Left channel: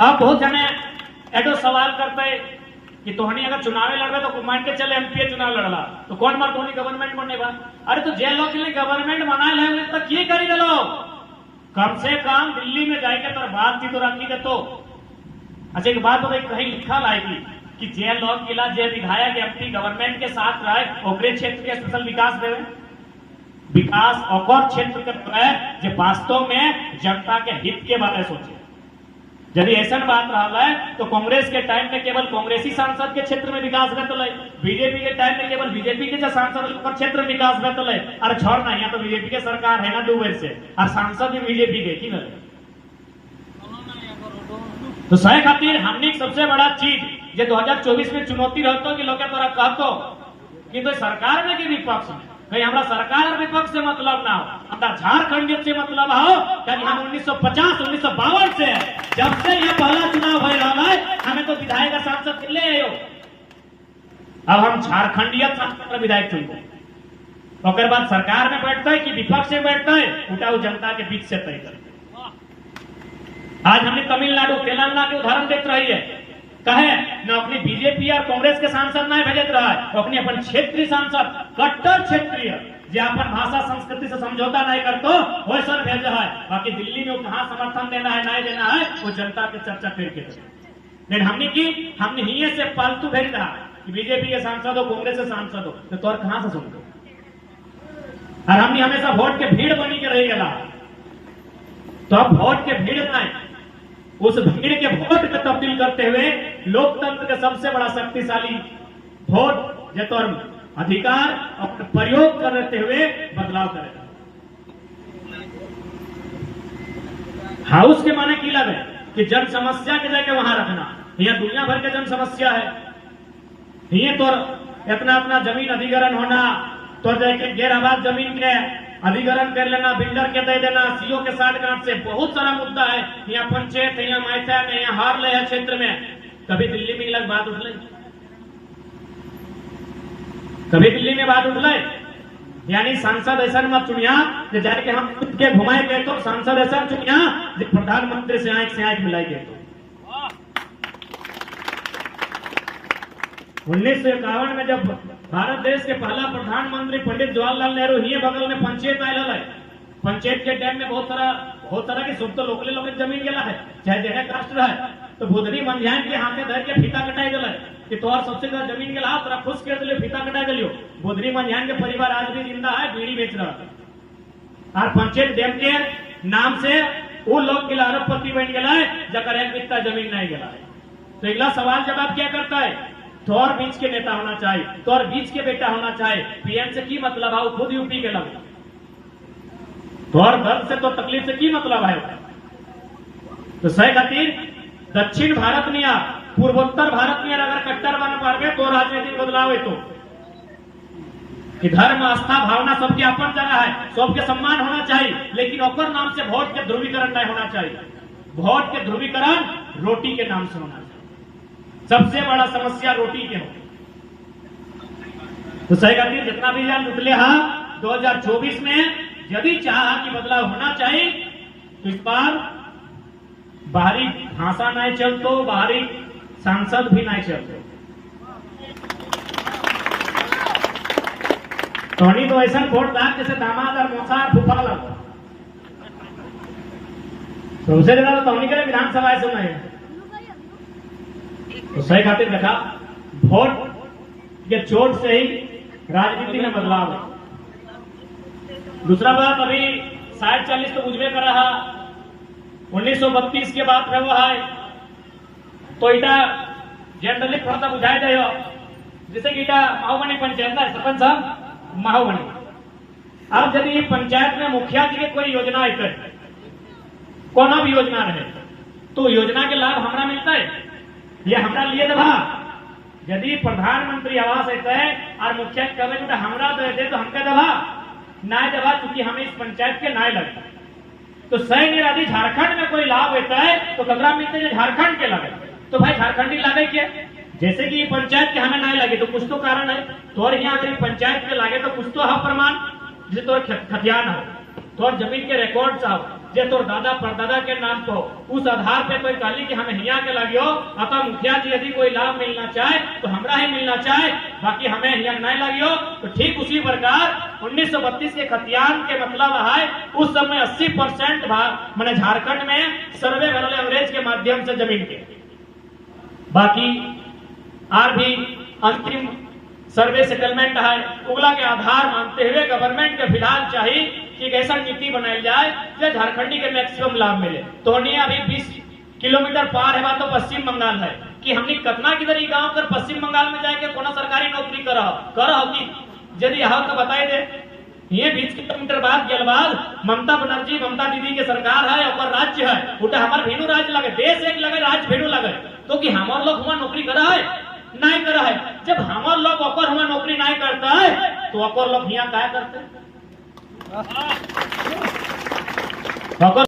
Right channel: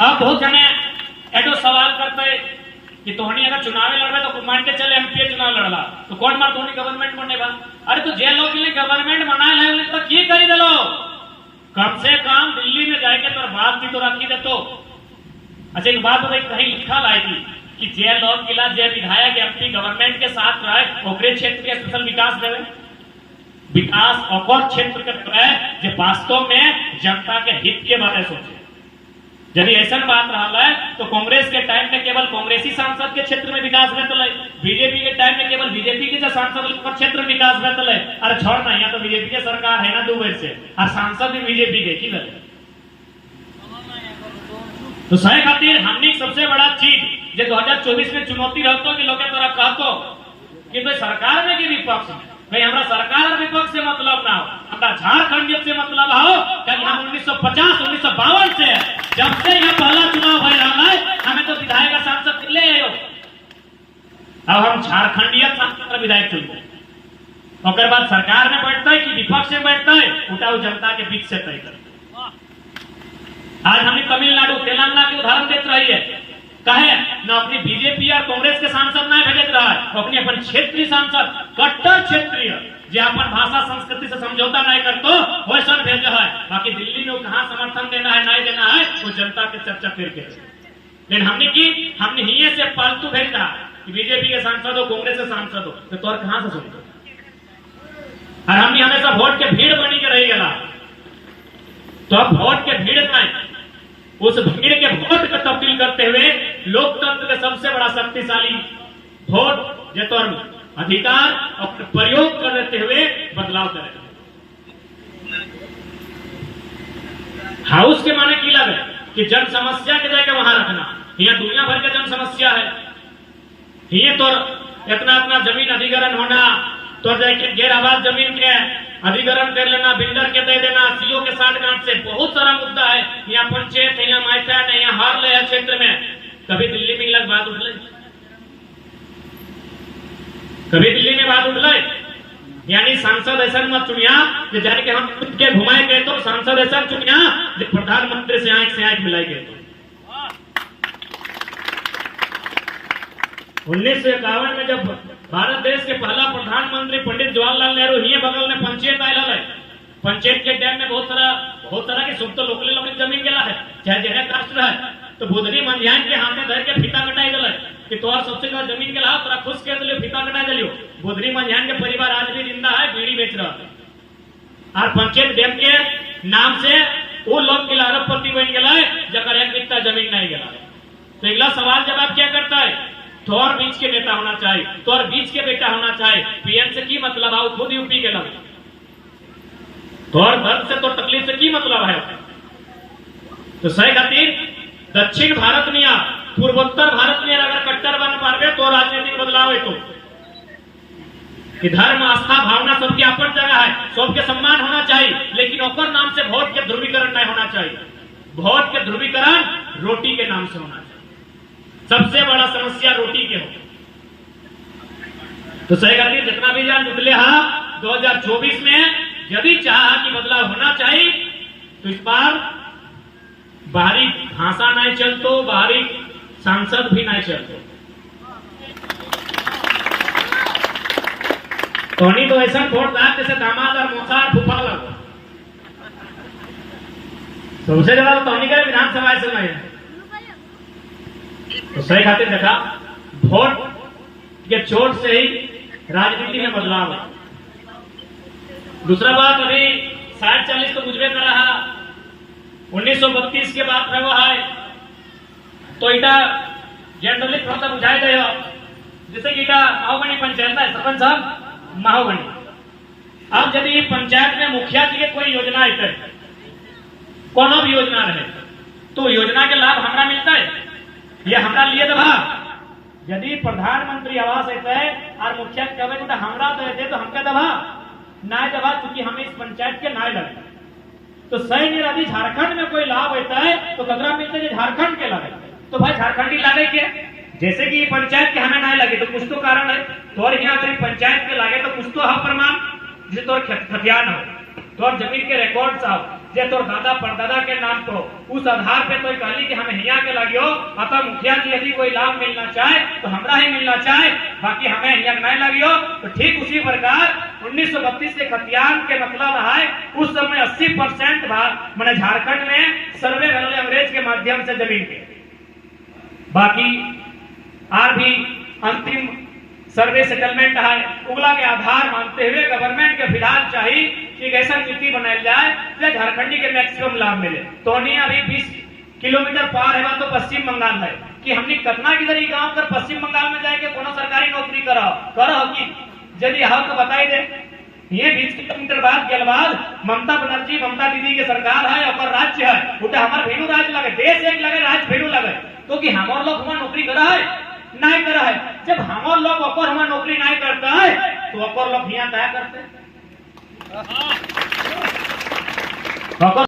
अब बहुत जने एडो सवाल करते है कि तोहनी अगर चुनाव लड़ रहे तो मान के चले एमपी चुनाव लड़ला तो कौन मार तोहनी गवर्नमेंट बनेगा। अरे तो जे लोग के लिए गवर्नमेंट बनाए है तो की करी दलो, कम से कम दिल्ली में जाके तो बात थी तो रखी दे तो। अच्छा एक बात बताई, कहीं लिखा लाएगी कि जे लोग किला जे विधायक एमपी गवर्नमेंट के साथ रहे ओकरे क्षेत्र के स्पेशल विकास देवे, विकास और क्षेत्र के रहे जो वास्तव में जनता के हित के बारे में सोचे। यदि ऐसा बात रहा है तो कांग्रेस के टाइम में केवल कांग्रेसी सांसद के क्षेत्र में विकास बेहतर है, बीजेपी के टाइम में केवल बीजेपी के सांसद पर क्षेत्र में विकास बेहतर है। अरे छोड़ ना, यहाँ तो बीजेपी के सरकार है ना 2 वर्ष से और सांसद भी बीजेपी के की तो सही खातिर हमने सबसे बड़ा चीज जो 2024 में चुनौती रहता कि लोग तोरा कहतो कि भाई सरकार में कि विपक्ष में, भाई हमारा सरकार और विपक्ष से मतलब ना हो, हमारा झारखंड से मतलब हो। क्योंकि हम 1950-1952 से जब से यह पहला चुनाव हो रहा है हमें तो विधायक सांसद ले आयो, अब हम झारखंडीय सांसद विधायक चुनते और बाद सरकार में बैठता है कि विपक्ष में बैठता है उठाओ जनता के बीच से तय करते। आज हमें तमिलनाडु तेलंगाना के उदाहरण देते रही है, कहे न अपनी बीजेपी और कांग्रेस के सांसद ना भेजत रहा है, अपनी अपन क्षेत्रीय सांसद कट्टर क्षेत्रीय जो अपन भाषा संस्कृति से समझौता नहीं करतो वैसा भेजा है। बाकी दिल्ली में कहाँ समर्थन देना है नहीं देना है वो जनता के चर्चा फिर के। लेकिन हमने ही से फालतू भेजना कि बीजेपी के सांसद हो कांग्रेस के सांसद हो तो तोर कहां से सुनते। और हमने हमेशा वोट के भीड़ बनी के रही गला, तो अब वोट के भीड़ में उस भीड़ के वोट को तब्दील करते हुए लोकतंत्र के सबसे बड़ा शक्तिशाली वोट जो तो अधिकार और प्रयोग करते हुए बदलाव करें। हाउस के माने की लगे कि जन समस्या के जाके वहां रखना, यह दुनिया भर के जन समस्या है, ये तो इतना जमीन अधिग्रहण होना, तो जाके गैर आबाद जमीन के अधिग्रहण कर लेना, बिल्डर के दे देना, सीओ के 60 गांठ से बहुत सारा मुद्दा है। यहाँ पंचायत है, यहाँ मैथान है, यहाँ हार ले क्षेत्र में कभी दिल्ली में लग बात उठ ली, कभी दिल्ली में बात उठ ली। यानी सांसद ऐसा मत चुनिया जाके हम खुद के घुमाए गए तो सांसद ऐसा चुनिया जो प्रधानमंत्री से आंख मिलाई गए तो 1951 में जब भारत देश के पहला प्रधानमंत्री पंडित जवाहरलाल नेहरू ही बगल में पंचायत आयल है, पंचायत के टाइम में बहुत सारा की सुख तो लोकली जमीन गेला है, चाहे जगह कास्ट है तो बुधरी मंझान के हाथे धर के फीता कटाई दिल कि तोहर सबसे ज्यादा जमीन गेला तोरा खुश कर दिलियो, फीता कटाई दिलियो। बुधरी मंझान के परिवार आज भी जिंदा है, बीड़ी बेच रहा है और पंचायत डैम के नाम से वो लोग के अरबपति बन गया है जकर एक बित्ता जमीन नहीं गया है। तो अगला सवाल जवाब क्या करता है, तोर बीच के नेता होना चाहिए, तोर बीच के बेटा होना चाहिए। पीएम से की मतलब है, खुद यूपी के लगे, तोर दर्द से तो तकलीफ से की मतलब है। तो सही खातिर दक्षिण भारत में या पूर्वोत्तर भारत में अगर कट्टर बन पावे तो राजनीतिक बदलाव है तो कि धर्म आस्था भावना सबकी अपन जगह है, सबके सम्मान होना चाहिए, लेकिन ओकर नाम से वोट के ध्रुवीकरण नहीं होना चाहिए। वोट के ध्रुवीकरण रोटी के नाम से होना चाहिए, सबसे बड़ा समस्या रोटी के हो। तो सही खातिर जितना भी जान निकले हा 2024 में यदि चाहा कि बदलाव होना चाहिए तो इस बार बाहरी भाषा नहीं चलतो, बाहरी सांसद भी नहीं चलतो। तोनी तो ऐसा वोट दान जैसे दामाद और मौसा और फूफा लगो, सबसे ज्यादा तो तोनी के विधानसभा से नहीं है। तो सही खातिर देखा वोट के चोट से ही राजनीति में बदलाव है। दूसरा बात अभी 60-40 तो बुझबे कर रहा, 1932 के बाद रहो है तो इटा जनरली थोड़ा सा बुझाया जाए जैसे कि इटा माहौगनी पंचायत है, सरपंच साहब माहौगनी। अब यदि पंचायत में मुखिया जी के कोई योजना है, कोनो भी योजना रहे तो योजना के लाभ हमरा मिलता है, ये हमरा लिए दबा। यदि प्रधानमंत्री आवास है और मुखिया कहे तो हमरा दे तो हमके दबा ना दबा, क्योंकि हमें इस पंचायत के ना लगता। तो सही यदि झारखंड में कोई लाभ होता है तो कदरा मिलता है झारखंड के लगे, तो भाई झारखंडी लागे क्या, जैसे कि पंचायत के हमें नहीं लगे तो कुछ तो कारण है। तो और यहाँ अगर पंचायत के लागे तो कुछ तो है प्रमाण, जिसे तो खतियान हो, तो और जमीन के रिकॉर्ड हो, जे तोर दादा परदादा के नाम तो उस आधार पे तो कहली कि हम हिया के लगियो अतः मुखिया जी यदि कोई लाभ मिलना चाहे तो हमरा ही मिलना चाहे, बाकी हमें हिया नहीं लगियो। तो ठीक उसी प्रकार 1932 के खतियान के मतलब है उस समय 80% मैंने झारखंड में सर्वे वैल्यू एवरेज के माध्यम से जमीन के, बाकी और भी अंतिम सर्वे सेटलमेंट है उगला के आधार मानते हुए गवर्नमेंट के फिलहाल चाहिए कि ऐसा नीति बनाई जाए जो झारखंडी के मैक्सिमम लाभ मिले। तो अभी 20 किलोमीटर पार है तो पश्चिम बंगाल है कि हमने कतना किधर ही गांव कर पश्चिम बंगाल में जाके कोनो सरकारी नौकरी करो कि यदि हाँ तो बताई दे। ये 20 किलोमीटर बाद गलवाल ममता बनर्जी ममता दीदी के सरकार है और राज्य है उठे हमारे भेड़ू राज्य लगे, देश एक लगे राज्य भेड़ू लगे, तो कि हमारे लोग हुआ नौकरी करा है नहीं करा है। जब हमारे लोग अपर हुआ नौकरी नहीं करता है तो अपर लोग यहाँ क्या करते हैं।